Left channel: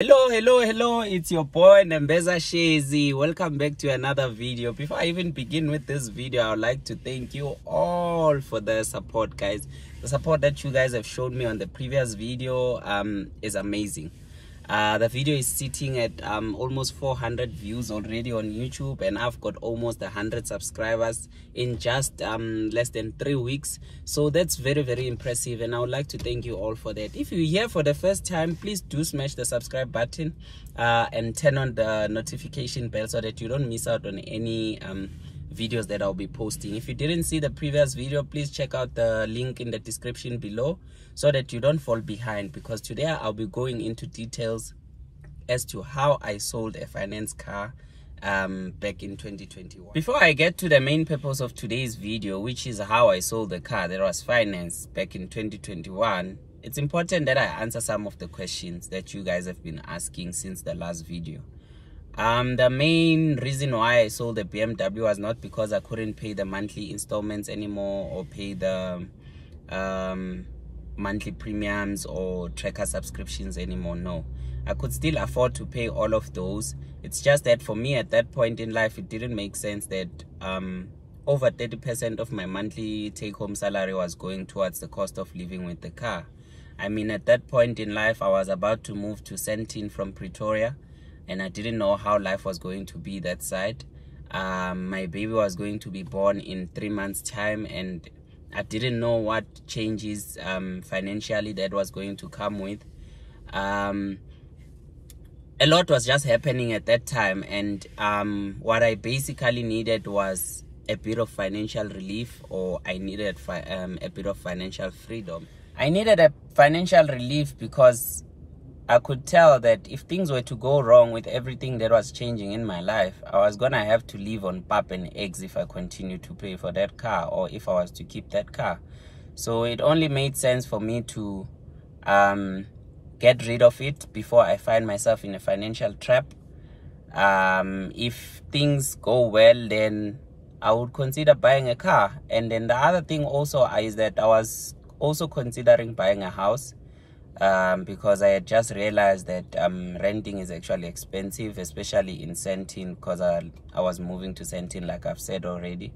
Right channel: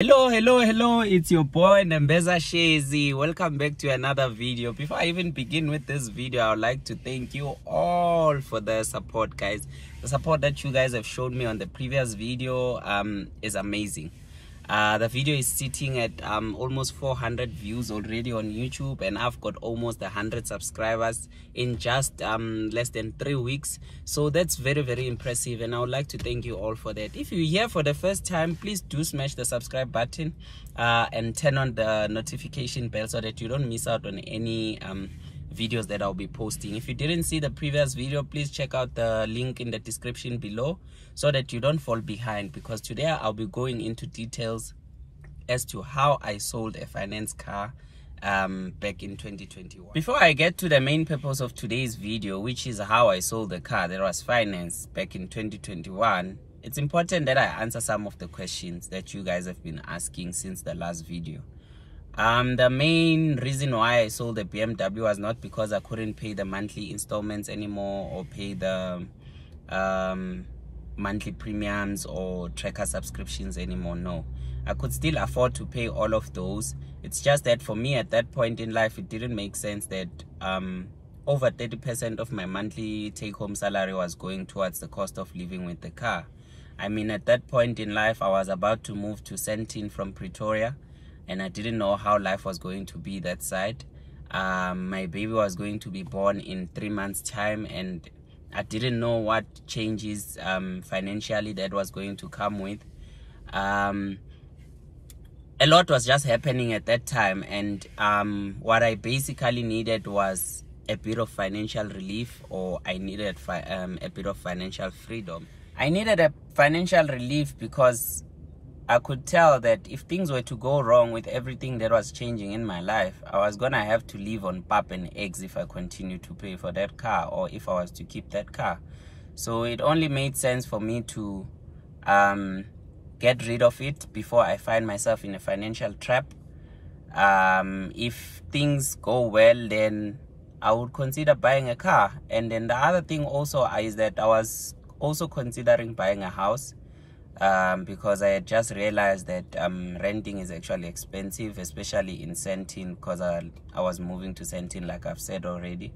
Hello, it's your boy Nambeza Shezi. Welcome back to another video. Before I even begin with this video, I would like to thank you all for the support, guys. The support that you guys have shown me on the previous video is amazing. The video is sitting at almost 400 views already on YouTube, and I've got almost 100 subscribers in just less than 3 weeks. So that's very impressive, and I would like to thank you all for that. If you're here for the first time, please do smash the subscribe button and turn on the notification bell so that you don't miss out on any videos that I'll be posting. If you didn't see the previous video, please check out the link in the description below so that you don't fall behind, because today I'll be going into details as to how I sold a finance car back in 2021. Before I get to the main purpose of today's video, which is how I sold the car that was financed back in 2021, it's important that I answer some of the questions that you guys have been asking since the last video. The main reason why I sold the BMW was not because I couldn't pay the monthly installments anymore or pay the monthly premiums or tracker subscriptions anymore. No, I could still afford to pay all of those. It's just that for me at that point in life, it didn't make sense that over 30% of my monthly take-home salary was going towards the cost of living with the car. I mean, at that point in life, I was about to move to Sandton from Pretoria, and I didn't know how life was going to be that side. My baby was going to be born in 3 months' time, and I didn't know what changes financially that was going to come with. A lot was just happening at that time, and what I basically needed was a bit of financial relief, or I needed a bit of financial freedom. I needed a financial relief because I could tell that if things were to go wrong with everything that was changing in my life, I was gonna have to live on pap and eggs if I continued to pay for that car, or if I was to keep that car. So it only made sense for me to get rid of it before I find myself in a financial trap. If things go well, then I would consider buying a car. And then the other thing also is that I was also considering buying a house. Because I had just realized that renting is actually expensive, especially in Sandton, because I was moving to Sandton, like I've said already.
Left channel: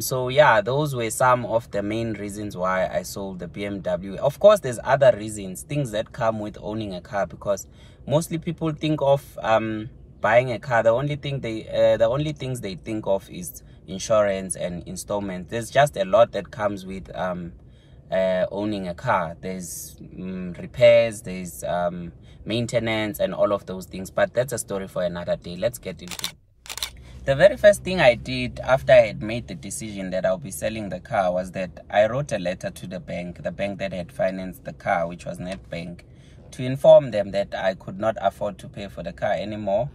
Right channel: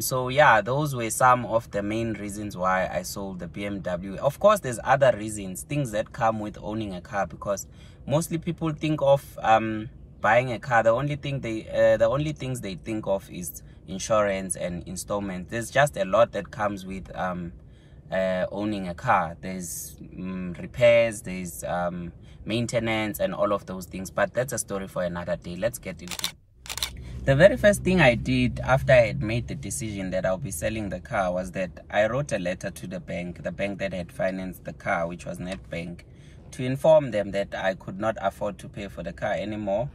So yeah, those were some of the main reasons why I sold the BMW. Of course, there's other reasons, things that come with owning a car, because mostly people think of buying a car, the only things they think of is insurance and installments. There's just a lot that comes with owning a car. There's repairs, there's maintenance, and all of those things, but that's a story for another day. Let's get into it. The very first thing I did after I had made the decision that I'll be selling the car was that I wrote a letter to the bank that had financed the car, which was Nedbank, to inform them that I could not afford to pay for the car anymore.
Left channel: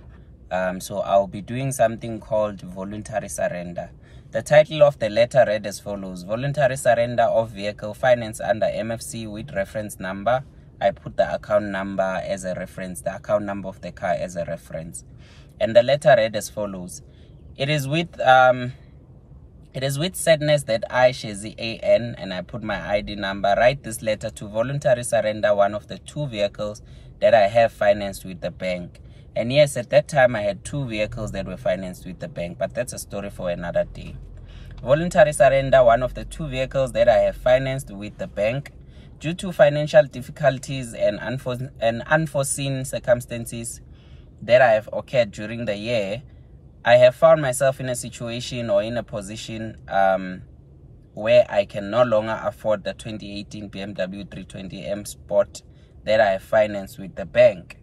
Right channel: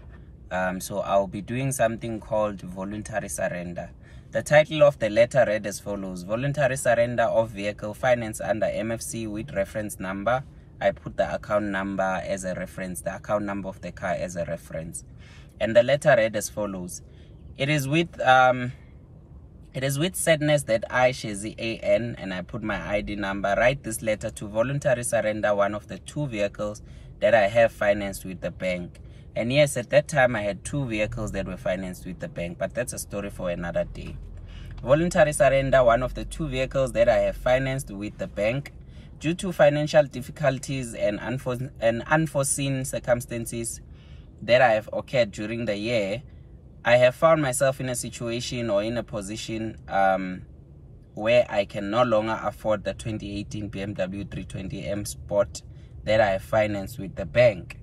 So I'll be doing something called voluntary surrender. The title of the letter read as follows: Voluntary surrender of vehicle finance under MFC with reference number. I put the account number as a reference, the account number of the car as a reference. And the letter read as follows: It is with sadness that I, Shezi AN, and I put my ID number, write this letter to voluntary surrender one of the 2 vehicles that I have financed with the bank. And yes, at that time I had 2 vehicles that were financed with the bank, but that's a story for another day. Voluntary surrender one of the 2 vehicles that I have financed with the bank. Due to financial difficulties and unforeseen circumstances that have occurred during the year, I have found myself in a situation or in a position where I can no longer afford the 2018 BMW 320M Sport that I have financed with the bank.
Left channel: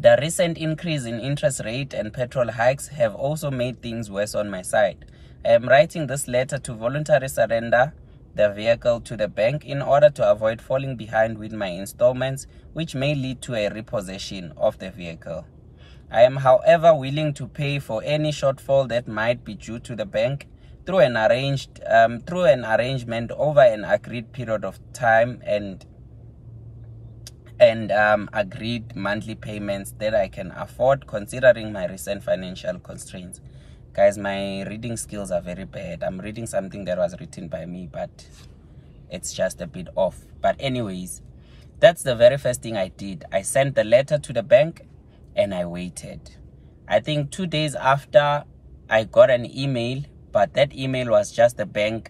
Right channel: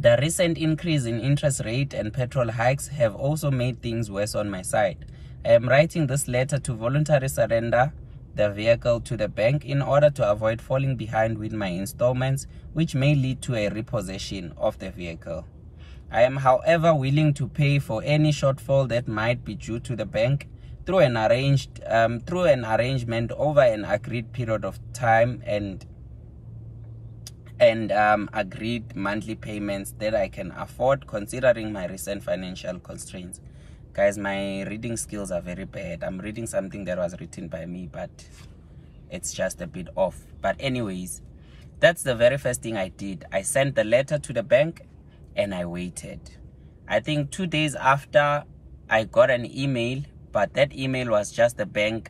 The recent increase in interest rate and petrol hikes have also made things worse on my side. I am writing this letter to voluntary surrender the vehicle to the bank in order to avoid falling behind with my installments, which may lead to a repossession of the vehicle. I am, however, willing to pay for any shortfall that might be due to the bank through an arrangement over an agreed period of time and agreed monthly payments that I can afford, considering my recent financial constraints. Guys, my reading skills are very bad. I'm reading something that was written by me, but it's just a bit off. But anyways, That's the very first thing I did. I sent the letter to the bank and I waited. I think 2 days after, I got an email, but that email was just the bank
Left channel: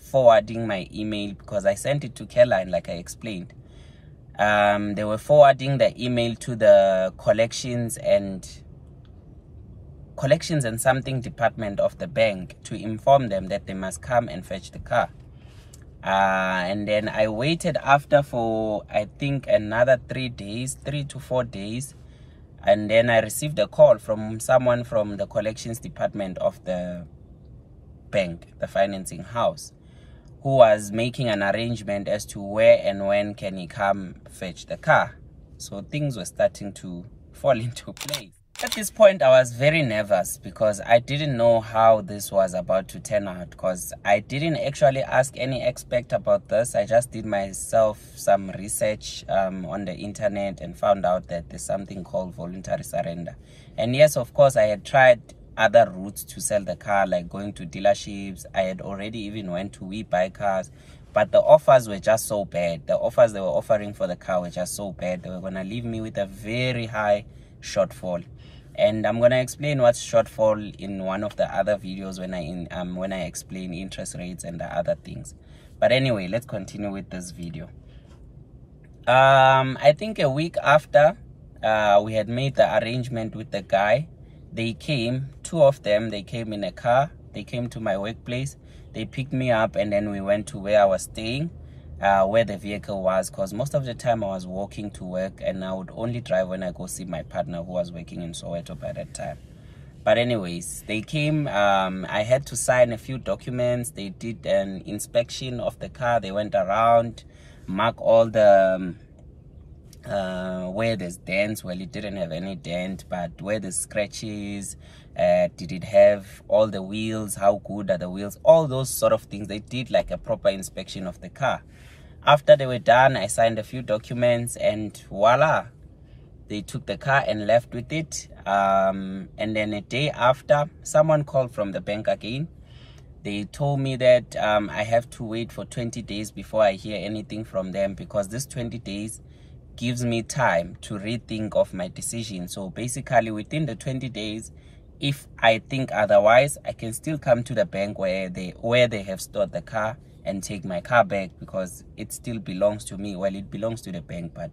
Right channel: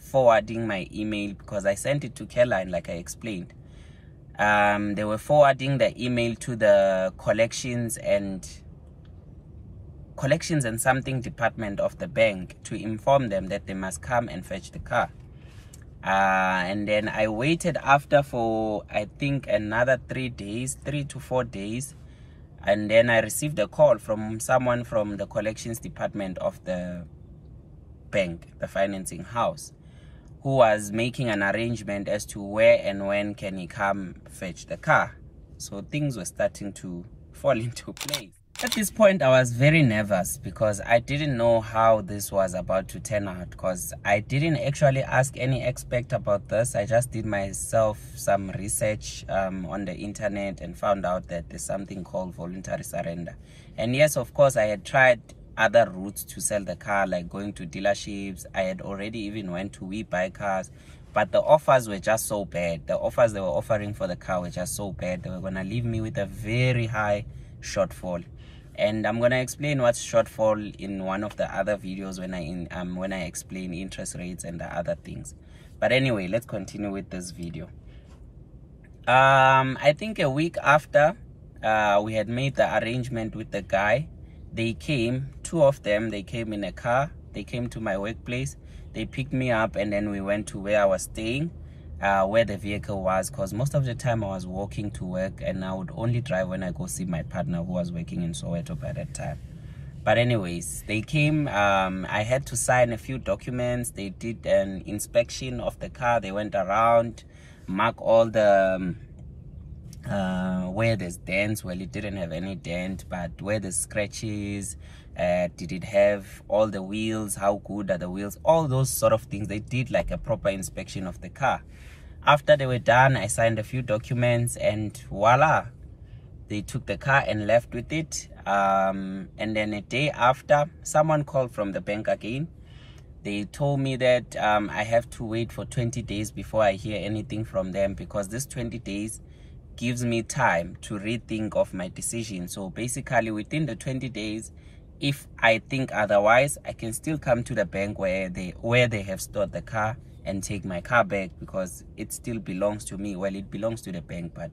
forwarding my email, because I sent it to Caroline, like I explained. They were forwarding the email to the collections and something department of the bank to inform them that they must come and fetch the car. And then I waited after for, I think, another 3 to 4 days. And then I received a call from someone from the collections department of the bank, the financing house, who was making an arrangement as to where and when can he come fetch the car. So things were starting to fall into place. At this point, I was very nervous because I didn't know how this was about to turn out, because I didn't actually ask any expert about this. I just did myself some research on the internet and found out that there's something called voluntary surrender. And yes, of course, I had tried other routes to sell the car, like going to dealerships. I had already even went to We Buy Cars, but the offers were just so bad. The offers they were offering for the car were just so bad. They were going to leave me with a very high shortfall. And I'm going to explain what's shortfall in one of the other videos when I explain interest rates and the other things. But anyway, let's continue with this video. I think a week after we had made the arrangement with the guy, they came, 2 of them, they came in a car. They came to my workplace. They picked me up, and then we went to where I was staying, where the vehicle was, because most of the time I was walking to work, and I would only drive when I go see my partner who was working in Soweto by that time. But anyways, they came. I had to sign a few documents. They did an inspection of the car. They went around, mark all the where there's dents. Well, it didn't have any dent, but where there's scratches, did it have all the wheels, how good are the wheels, all those sort of things. They did like a proper inspection of the car. After they were done, I signed a few documents, and voila, they took the car and left with it. And then a day after, someone called from the bank again. They told me that I have to wait for 20 days before I hear anything from them, because this 20 days gives me time to rethink of my decision. So basically, within the 20 days, if I think otherwise, I can still come to the bank where they have stored the car and take my car back, because it still belongs to me. Well, it belongs to the bank, but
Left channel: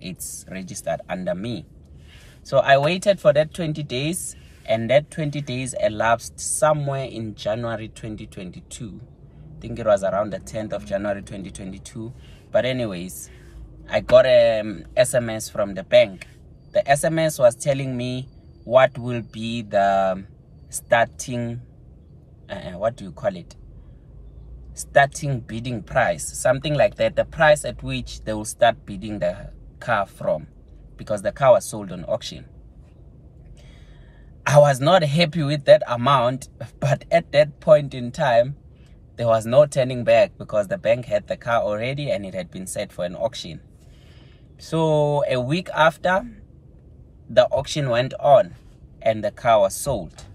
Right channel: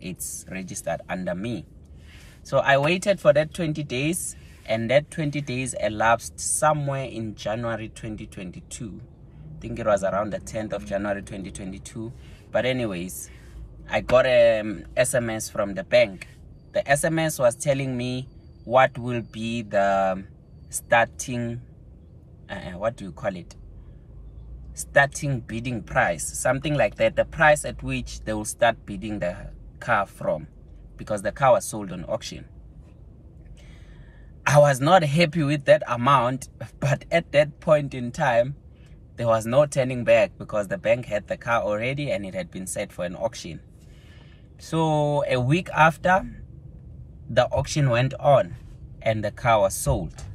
it's registered under me. So I waited for that 20 days, and that 20 days elapsed somewhere in January 2022. I think it was around the 10th of January 2022. But anyways, I got an SMS from the bank. The SMS was telling me what will be the starting, what do you call it? Starting bidding price, something like that. The price at which they will start bidding the car from, because the car was sold on auction. I was not happy with that amount, but at that point in time, there was no turning back, because the bank had the car already and it had been set for an auction. So a week after, the auction went on and the car was sold.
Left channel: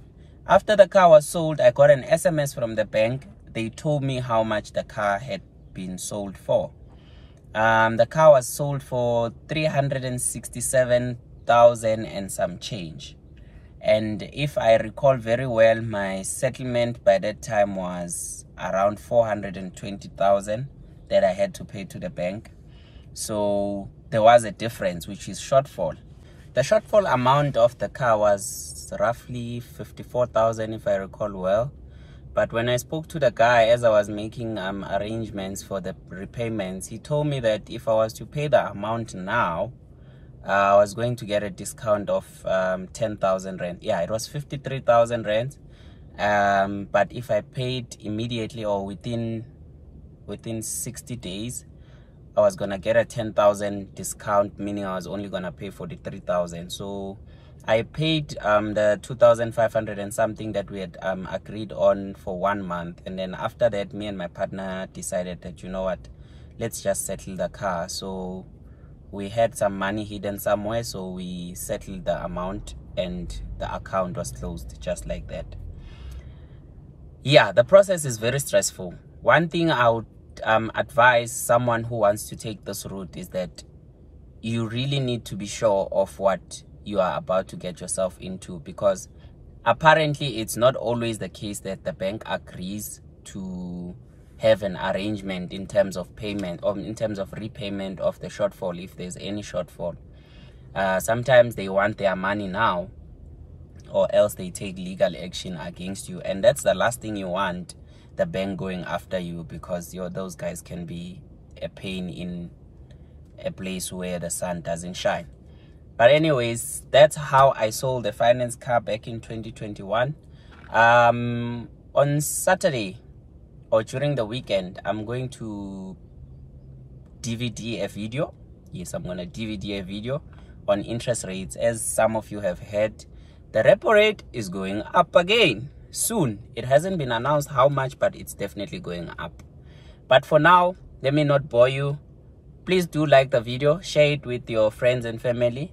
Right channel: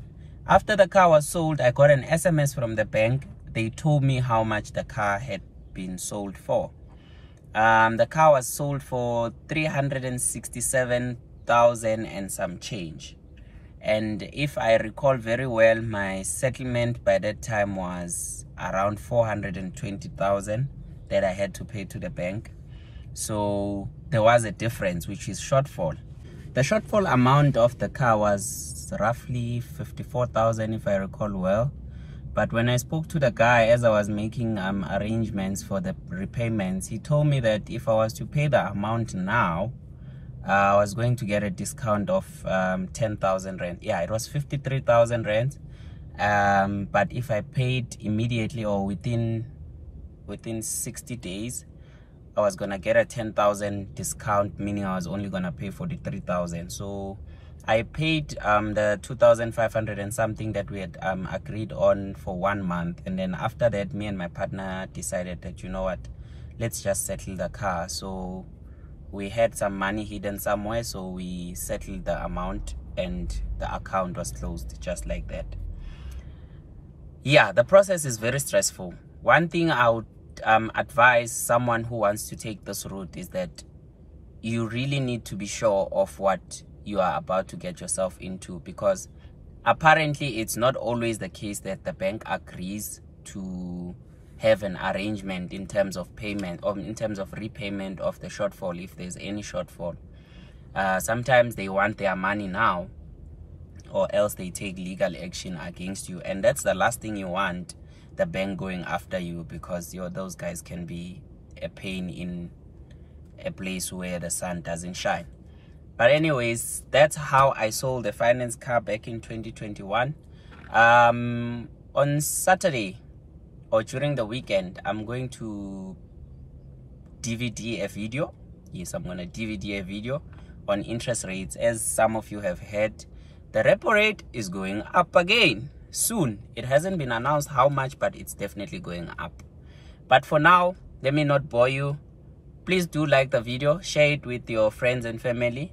After the car was sold, I got an SMS from the bank. They told me how much the car had been sold for. The car was sold for 367,000 and some change. And if I recall very well, my settlement by that time was around 420,000 that I had to pay to the bank. So there was a difference, which is shortfall. The shortfall amount of the car was roughly 54,000, if I recall well. But when I spoke to the guy as I was making arrangements for the repayments, he told me that if I was to pay the amount now, I was going to get a discount of 10,000 rand. Yeah, it was 53,000 rand. But if I paid immediately or within 60 days, I was gonna get a 10,000 discount, meaning I was only gonna pay 43,000. So I paid the 2,500 and something that we had agreed on for 1 month, and then after that, me and my partner decided that, you know what, let's just settle the car. So we had some money hidden somewhere, so we settled the amount and the account was closed just like that. Yeah, the process is very stressful. One thing I would advise someone who wants to take this route is that you really need to be sure of what you are about to get yourself into, because apparently it's not always the case that the bank agrees to have an arrangement in terms of payment or in terms of repayment of the shortfall, if there's any shortfall. Sometimes they want their money now, or else they take legal action against you, and that's the last thing you want, the bank going after you, because those guys can be a pain in a place where the sun doesn't shine. But anyways, that's how I sold the finance car back in 2021. On Saturday or during the weekend, I'm going to DVD a video. Yes, I'm going to DVD a video on interest rates. As some of you have heard, the repo rate is going up again soon. It hasn't been announced how much, but it's definitely going up. But for now, let me not bore you. Please do like the video, share it with your friends and family,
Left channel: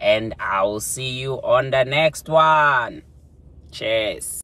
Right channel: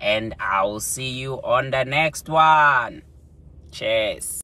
and I'll see you on the next one. Cheers.